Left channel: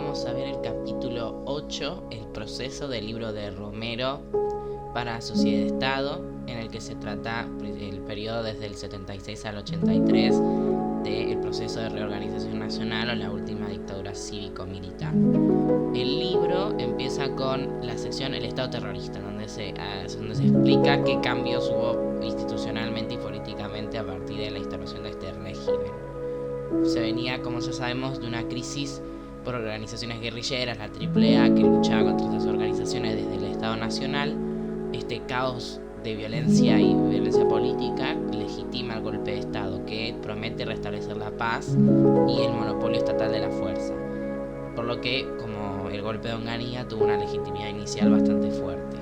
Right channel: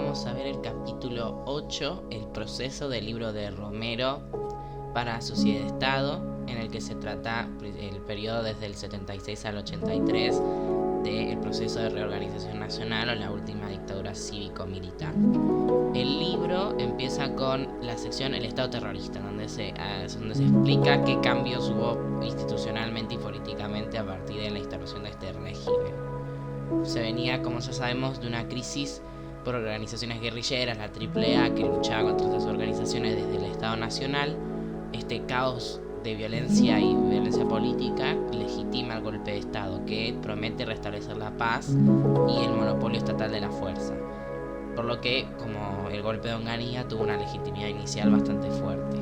vamos a ver el capítulo 8, el proceso del libro de Romero para Sociedad-Estado, en el que se trata el periodo desde el 76 al 83 del proceso de reorganización nacional o la última dictadura cívico-militar. El libro empieza con la sección El Estado terrorista, donde se explica qué cambios hubo institucionalmente y políticamente a partir de la instauración de este régimen. Se venía, como ya sabemos, de una crisis por organizaciones guerrilleras, la AAA, que luchaba contra estas organizaciones desde el Estado Nacional. Este caos de violencia y violencia política legitima el golpe de Estado, que promete restablecer la paz y el monopolio estatal de la fuerza. Por lo que, como el golpe de Onganía, tuvo una legitimidad inicial bastante fuerte.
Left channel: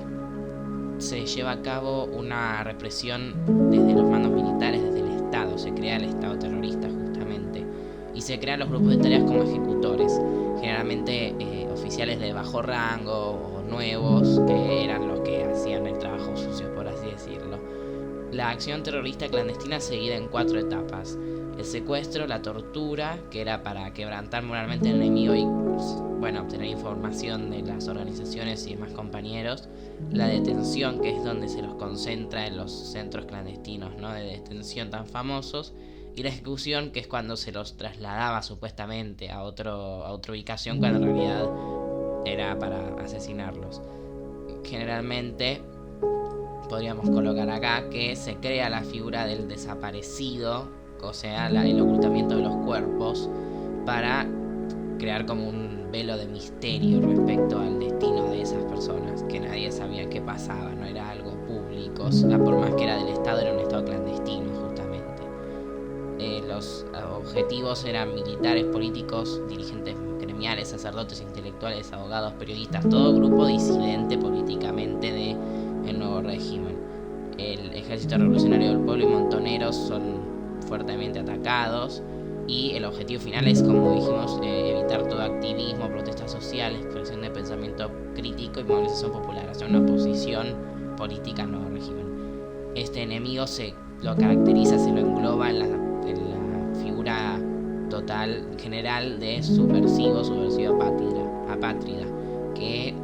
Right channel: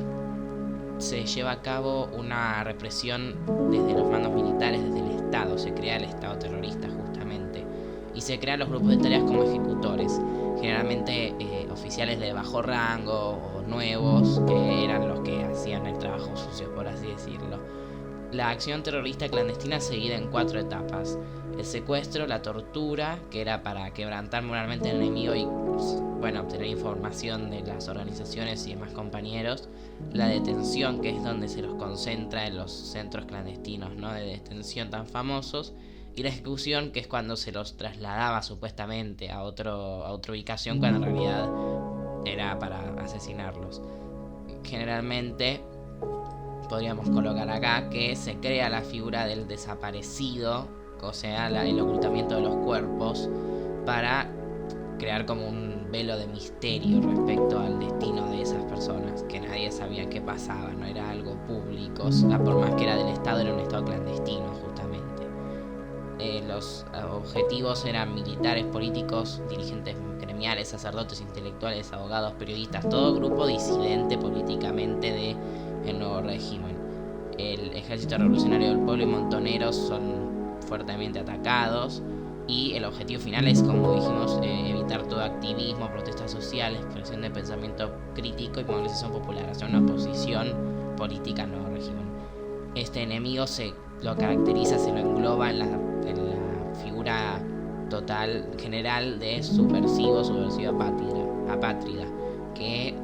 Se lleva a cabo una represión desde los mandos militares, desde el Estado. Se crea el Estado terrorista justamente. Y se crean los grupos de tareas como ejecutores, generalmente oficiales de bajo rango o nuevos, que eran los que hacían el trabajo sucio, por así decirlo. La acción terrorista clandestina se divide en 4 etapas: el secuestro, la tortura, que era para quebrantar moralmente al enemigo y obtener información de las organizaciones y demás compañeros; la detención, que es donde se los concentra en los centros clandestinos, ¿no?, de detención tan famosos; y la ejecución, que es cuando se los trasladaba supuestamente a otra ubicación, cuando en realidad era para asesinarlos. Generalmente podríamos colocar acá que se crea la figura del desaparecido, o sea, el ocultamiento de los cuerpos, para crear como un velo de misterio respecto al destino de esas personas, que nadie sabía qué pasaba, no era algo público, por más que era del Estado, era un Estado clandestino justamente. Los objetivos eran militares, políticos, dirigentes gremiales, sacerdotes, intelectuales, abogados, periodistas, todo grupo disidente políticamente del nuevo régimen. El Ejército Revolucionario del Pueblo y montoneros son fuertemente atacados, y el objetivo final es, como dijimos, evitar todo activismo, protestas sociales, expresión de pensamiento crítico y movilización popular, hacia una oposición política al nuevo régimen. Este enemigo se lo caracteriza, se lo engloba en la figura total general de subversivo apátrida, que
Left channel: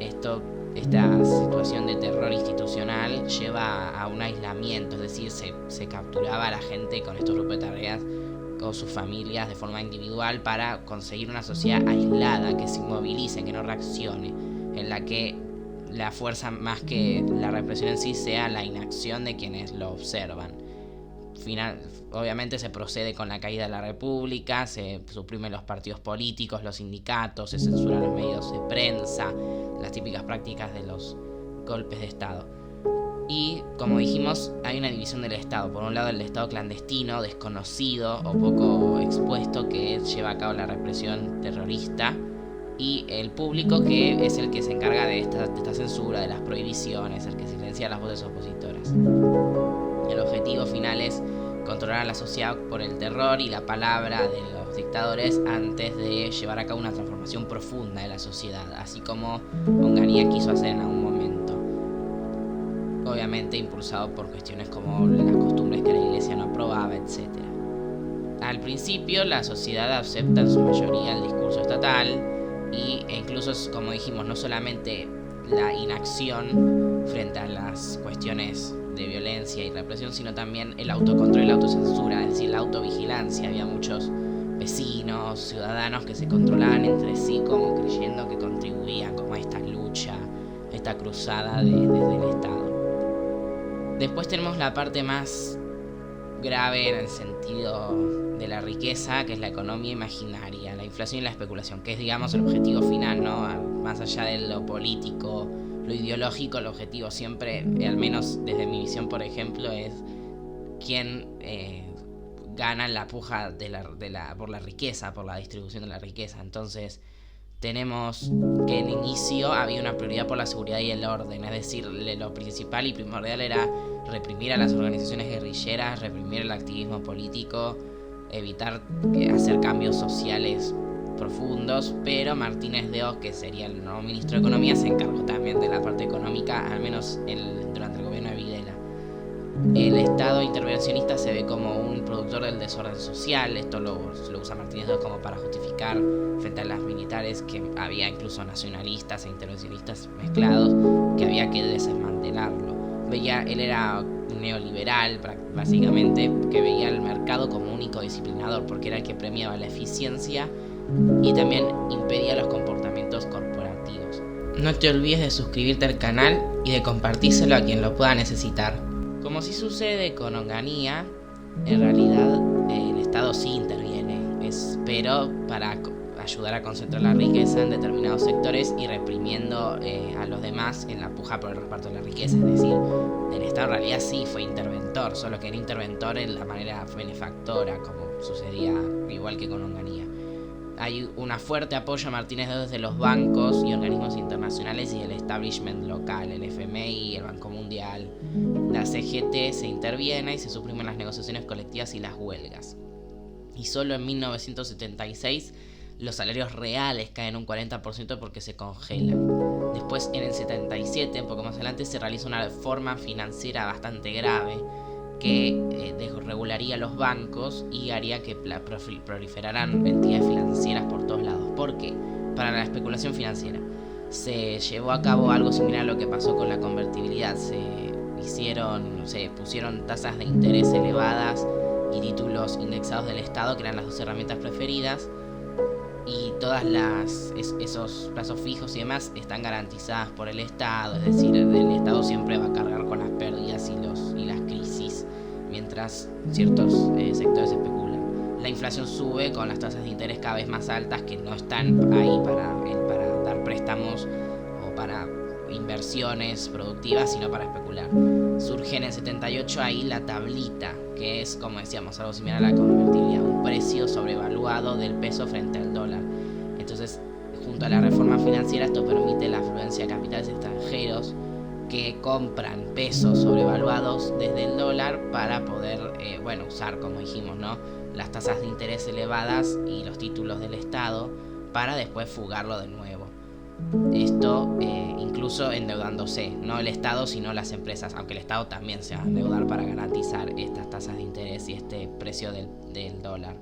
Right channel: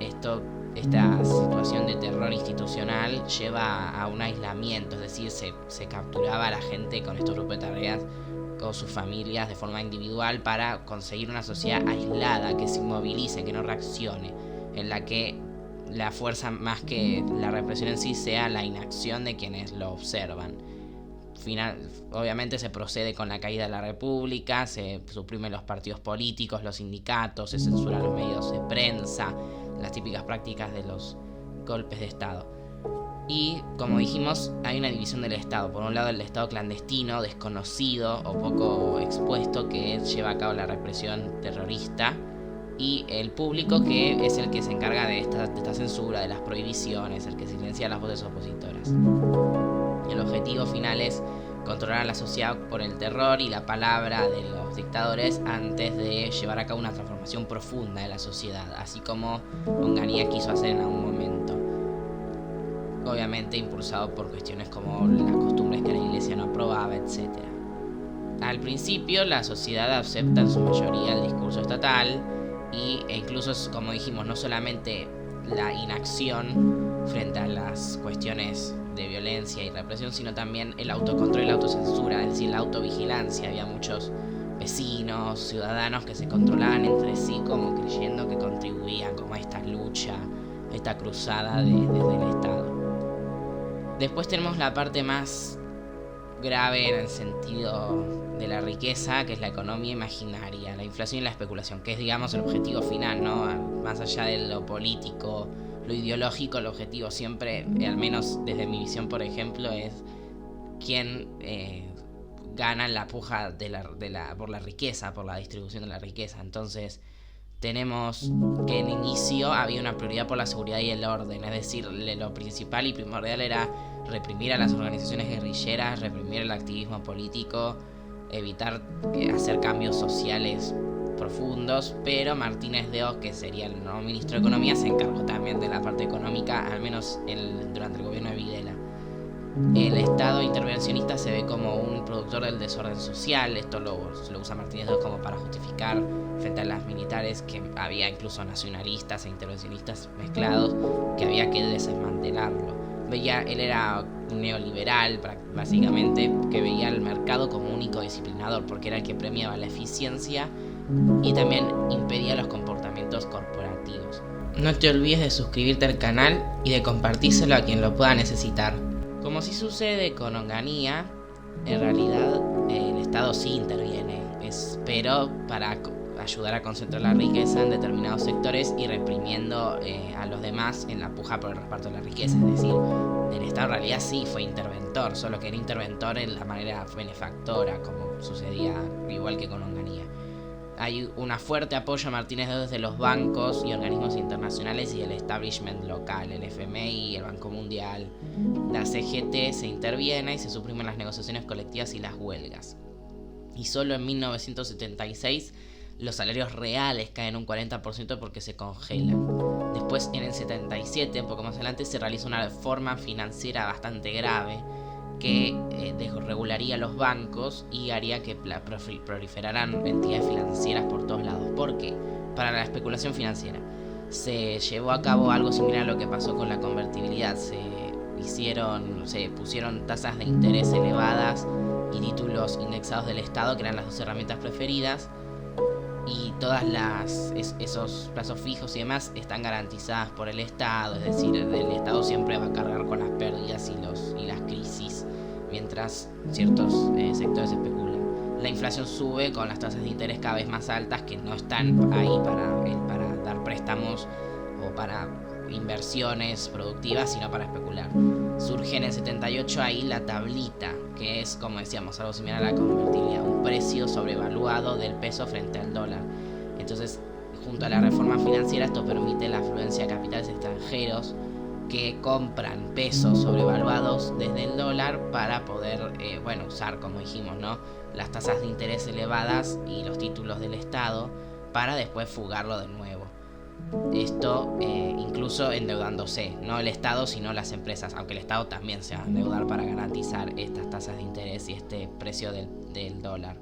esta situación de terror institucional lleva a un aislamiento, es decir, se capturaba a la gente con estos grupos de tareas o sus familias de forma individual para conseguir una sociedad aislada, que se inmovilice, que no reaccione, en la que la fuerza más que la represión en sí sea la inacción de quienes lo observan. Obviamente se procede con la caída de la República, se suprimen los partidos políticos, los sindicatos, se censuran los medios de prensa, las típicas prácticas de los golpes de Estado. Y, como dijimos, hay una división del Estado. Por un lado, el Estado clandestino, desconocido o poco expuesto, que lleva a cabo la represión terrorista, y el público, que es el que se encarga de esta censura, de las prohibiciones, el que silencia las voces opositoras. El objetivo final es controlar a la sociedad por el terror y la palabra de los dictadores antes de llevar a cabo una transformación profunda de la sociedad, así como Onganía quiso hacer en algún momento. Obviamente impulsado por cuestiones como las costumbres que la iglesia no aprobaba, etc. Al principio la sociedad acepta en su mayoría el discurso estatal, e incluso, como dijimos, no solamente la inacción frente a las cuestiones de violencia y represión, sino también el autocontrol y la autocensura, es decir, la autovigilancia. Había muchos vecinos, ciudadanos que se controlaban entre sí, como creyendo que contribuían como a esta lucha, a esta cruzada desde el Estado. Después tenemos la parte más grave en el sentido de la riqueza, que es la economía imaginaria, la inflación y la especulación, que es, digamos, el objetivo final, ¿no? Más allá de lo político, lo ideológico, el objetivo siempre, al menos desde mi visión, por ejemplo, es quién gana en la puja por la riqueza, por la distribución de la riqueza. Entonces tenemos que en inicio había una prioridad por la seguridad y el orden, es decir, lo principal y primordial era reprimir a las organizaciones guerrilleras, reprimir el activismo político, evitar hacer cambios sociales profundos, pero Martínez de Oz, que sería el nuevo ministro de Economía, se encargó también de la parte económica, al menos durante el gobierno de Videla. El Estado intervencionista se ve como un productor del desorden social. Esto lo usa Martínez II como para justificar frente a las militares que había incluso nacionalistas e intervencionistas mezclados, que había que desmantelarlo. Él era un neoliberal básicamente, que veía el mercado como único disciplinador, porque era el que premiaba la eficiencia y también impedía los comportamientos corporativos. No te olvides de suscribirte al canal y de compartírselo a quien lo pueda necesitar. Como sí sucede con Onganía, en realidad el Estado sí interviene, pero para ayudar a concentrar la riqueza en determinados sectores y reprimiendo a los demás en la puja por el reparto de la riqueza. Es decir, el Estado en realidad sí fue interventor, solo que era interventor en la manera benefactora, como sucedía igual que con Onganía. Hay un fuerte apoyo a Martínez II desde los bancos y organismos internacionales y el establishment local, el FMI, el Banco Mundial. La CGT se interviene y se suprimen las negociaciones colectivas y las huelgas. Y solo en 1976 los salarios reales caen un 40% porque se congelan. Después, en el 77, un poco más adelante, se realiza una reforma financiera bastante grave que desregularía los bancos y haría que proliferaran entidades financieras por todos lados. ¿Por qué? Para la especulación financiera. Se llevó a cabo algo similar a lo que pasó con la convertibilidad. Se pusieron tasas de interés elevadas y títulos indexados del Estado, que eran las dos herramientas preferidas, y todas esos plazos fijos y demás están garantizadas por el Estado. Es decir, el Estado siempre va a cargar con las pérdidas y las crisis, mientras ciertos sectores especulan. La inflación sube con las tasas de interés cada vez más altas, que no están ahí para dar préstamos o para inversiones productivas, sino para especular. Surge en el 78 ahí la tablita, que es, como decíamos, algo similar a la convertibilidad, un precio sobrevaluado del peso frente al dólar. Entonces, junto a la reforma financiera, esto permite la afluencia de capitales extranjeros que compran pesos sobrevaluados desde el dólar para poder usar, como dijimos, ¿no?, las tasas de interés elevadas y los títulos del Estado para después fugarlo de nuevo. Esto incluso endeudándose, no el Estado sino las empresas, aunque el Estado también se va a endeudar para garantizar estas tasas de interés y este precio del dólar.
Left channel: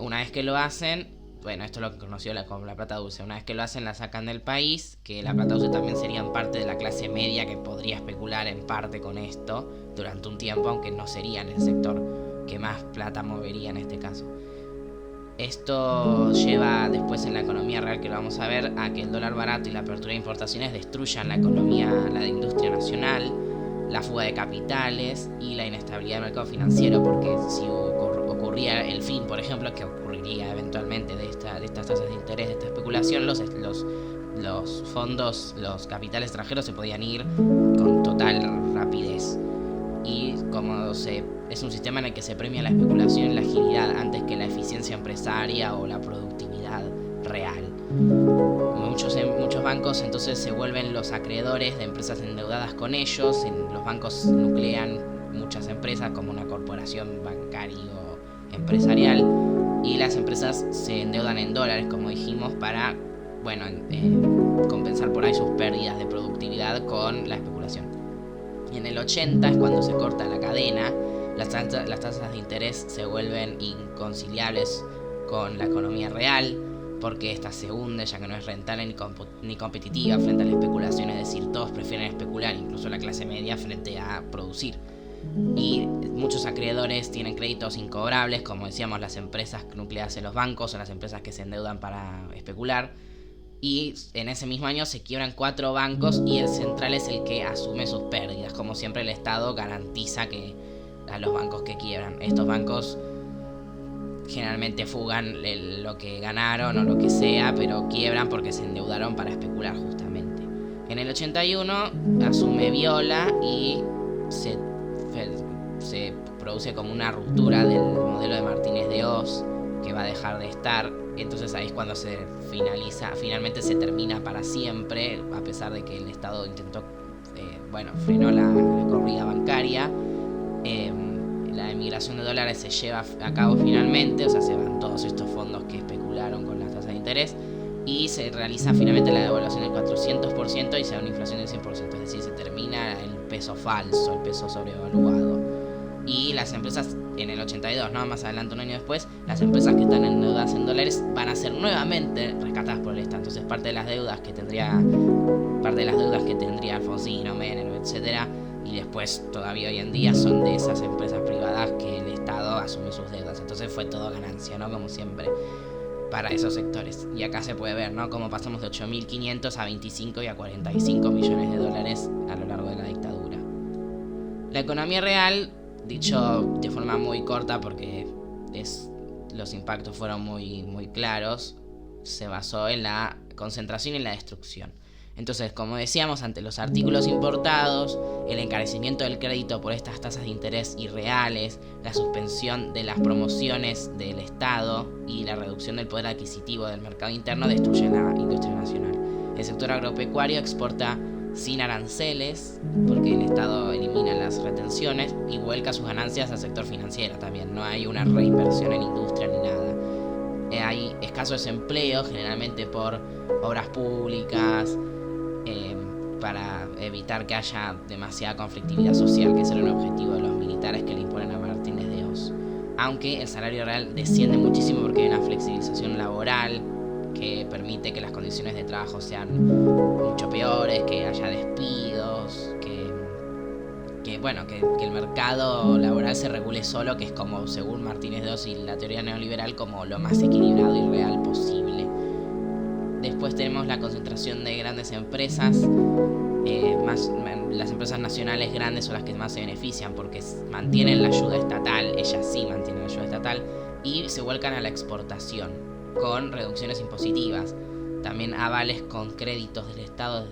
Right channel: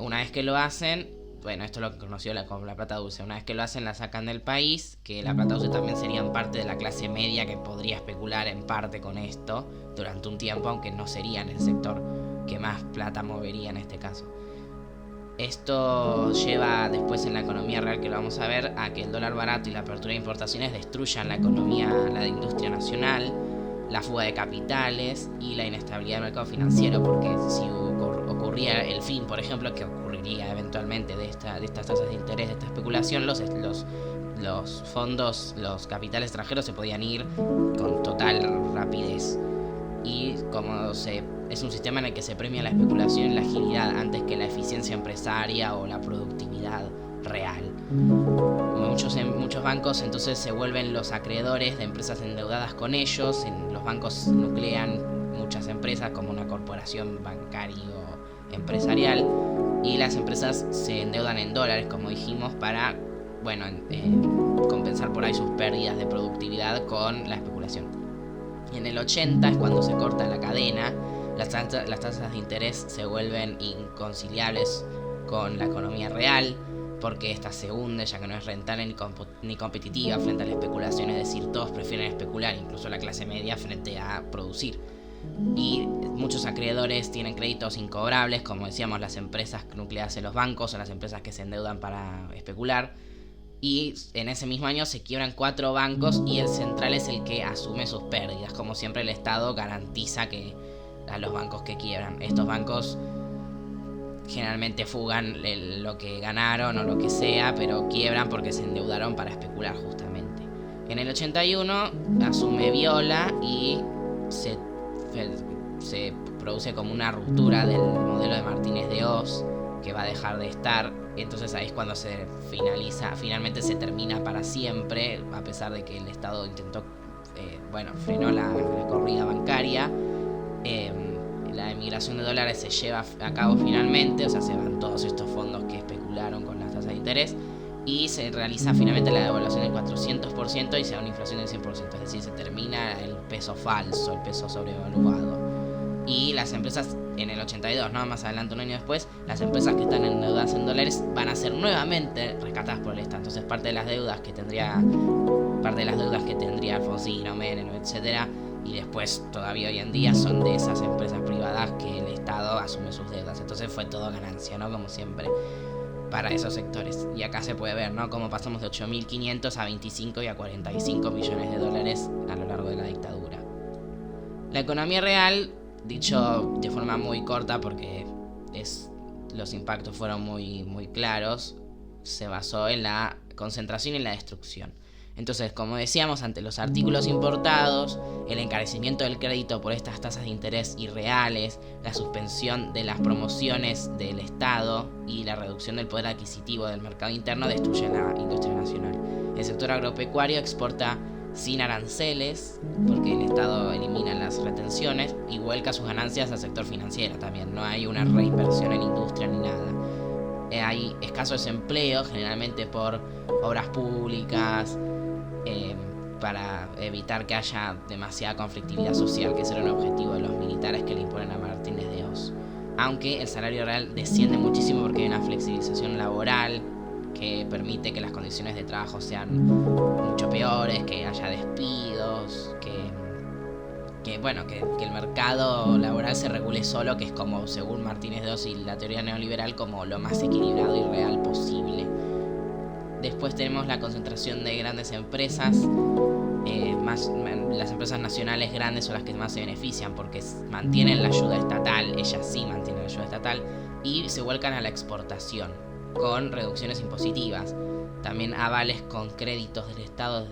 Una vez que lo hacen, esto es lo que conoció como la plata dulce. Una vez que lo hacen, la sacan del país, que la plata dulce también serían parte de la clase media que podría especular en parte con esto durante un tiempo, aunque no serían el sector que más plata movería en este caso. Esto lleva después en la economía real, que lo vamos a ver, a que el dólar barato y la apertura de importaciones destruyan la economía, la industria nacional, la fuga de capitales y la inestabilidad del mercado financiero, porque si ocurría el fin, por ejemplo, que ocurriría eventualmente de estas tasas de interés, de esta especulación, los fondos, los capitales extranjeros se podían ir con total rapidez. Y como es un sistema en el que se premia la especulación y la agilidad antes que la eficiencia empresaria o la productividad real. Muchos bancos entonces se vuelven los acreedores de empresas endeudadas con ellos. Los bancos nuclean muchas empresas como una corporación bancario empresarial, y las empresas se endeudan en dólares, como dijimos, para compensar por ahí sus pérdidas de productividad con la especulación. Y en el 80 es cuando se corta la cadena. Las tasas de interés se vuelven inconciliables con la economía real, porque esta se hunde, ya que no es rentable ni competitiva frente a la especulación. Es decir, todos prefieren especular, incluso la clase media, frente a producir. Y muchos acreedores tienen créditos incobrables, como decíamos, las empresas nucleadas en los bancos o las empresas que se endeudan para especular. Y en ese mismo año se quiebran 4 bancos y el central es el que asume sus pérdidas. Como siempre, el Estado garantiza que a los bancos que quiebran. Estos bancos generalmente fugan lo que ganaron o lo que sea, pero quiebran porque se endeudaron para especular justamente. En el 81 asume Viola y se produce como una ruptura del modelo de Martínez de Oz, que va a dejar de estar. Entonces ahí es cuando se finalmente se termina para siempre, a pesar de que el Estado intentó, frenó la corrida bancaria. La emigración de dólares se lleva a cabo finalmente, o sea, se van todos estos fondos que especularon con las tasas de interés, y se realiza finalmente la devaluación del 400% y se da una inflación del 100%, es decir, se termina el peso falso, el peso sobrevaluado. Y las empresas en el 82, ¿no? Más adelante, un año después, las empresas que están endeudadas en dólares van a ser nuevamente rescatadas por el Estado. Entonces parte de las deudas que tendría Alfonsino, Menem, etcétera, y después todavía hoy en día son de esas empresas privadas que el Estado asume sus deudas. Entonces fue todo ganancia, ¿no? Como siempre, para esos sectores. Y acá se puede ver, ¿no? Cómo pasamos de 8.500 a 25 y a 45 millones de dólares a lo largo de la dictadura. La economía real, dicho de forma muy corta porque los impactos fueron muy claros, se basó en la concentración y la destrucción. Entonces, como decíamos, ante los artículos importados, el encarecimiento del crédito por estas tasas de interés irreales, la suspensión de las promociones del Estado y la reducción del poder adquisitivo del mercado interno destruyen la industria nacional. El sector agropecuario exporta sin aranceles, porque el Estado elimina las retenciones y vuelca sus ganancias al sector financiero también. No hay una reinversión en industria ni nada. Hay escaso desempleo, generalmente por obras públicas, para evitar que haya demasiada conflictividad social, que ese era un objetivo de los militares que le imponen a Martínez de Hoz. Aunque el salario real desciende muchísimo porque hay una flexibilización laboral que permite que las condiciones de trabajo sean mucho peores, que haya despidos, que el mercado laboral se regule solo, que es como, según Martínez de Hoz y la teoría neoliberal, como lo más equilibrado y real posible. Después tenemos la concentración de grandes empresas. Las empresas nacionales grandes son las que más se benefician porque mantienen la ayuda estatal, ellas sí mantienen la ayuda estatal, y se vuelcan a la exportación con reducciones impositivas. También avales con créditos del Estado,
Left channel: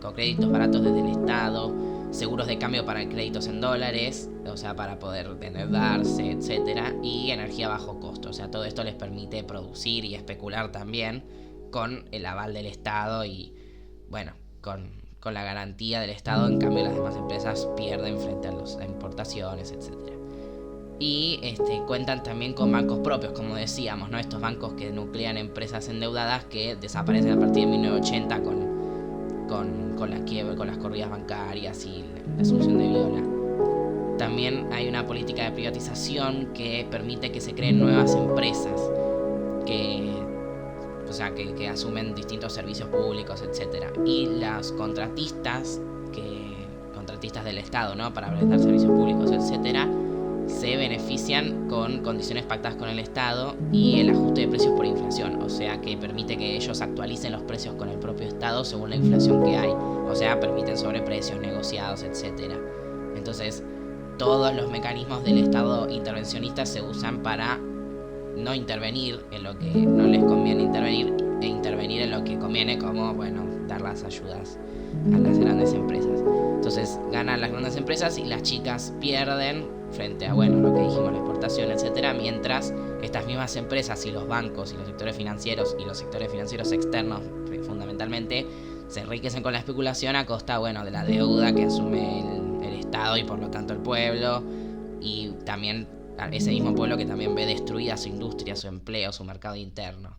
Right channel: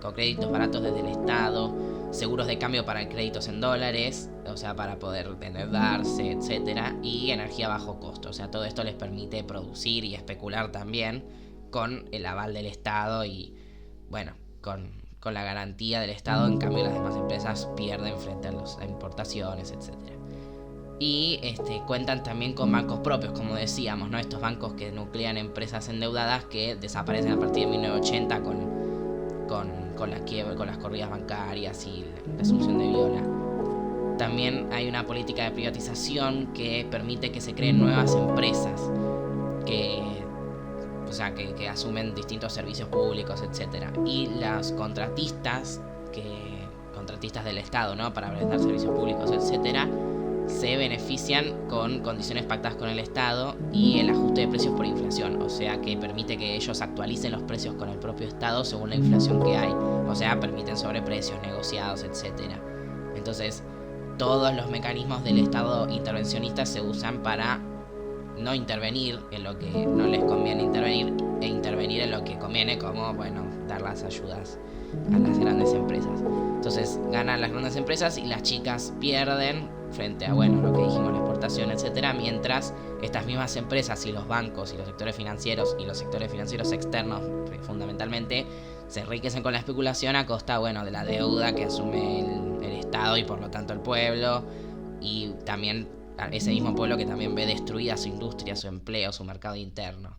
con créditos baratos desde el Estado, seguros de cambio para créditos en dólares, o sea, para poder endeudarse, etcétera, y energía a bajo costo. O sea, todo esto les permite producir y especular también con el aval del Estado y, bueno, con la garantía del Estado. En cambio, las demás empresas pierden frente a las importaciones, etcétera. Y cuentan también con bancos propios, como decíamos, ¿no? Estos bancos que nuclean empresas endeudadas que desaparecen a partir de 1980 con la quiebra, con las corridas bancarias y la asunción de Viola. También hay una política de privatización que permite que se creen nuevas empresas que asumen distintos servicios públicos, etcétera. Y las contratistas del Estado, ¿no? Para brindar servicios públicos, etcétera, se benefician con condiciones pactadas con el Estado y el ajuste de precios por inflación, o sea que permite que ellos actualicen los precios con el propio Estado según la inflación que hay, o sea, permiten sobreprecios negociados, etcétera. Entonces, todos los mecanismos del Estado intervencionista se usan para no intervenir en lo que no les conviene intervenir e intervenir en lo que conviene, como, dar las ayudas a las grandes empresas. Entonces ganan las grandes empresas y las chicas pierden frente a, lo que dijimos, la exportación, etcétera, mientras estas mismas empresas y los bancos y los sectores financieros y los sectores financieros externos, fundamentalmente, se enriquecen con la especulación a costa, de la deuda que asume el Estado y por lo tanto el pueblo, y también ese mismo pueblo que también ve destruida su industria, su empleo, su mercado interno.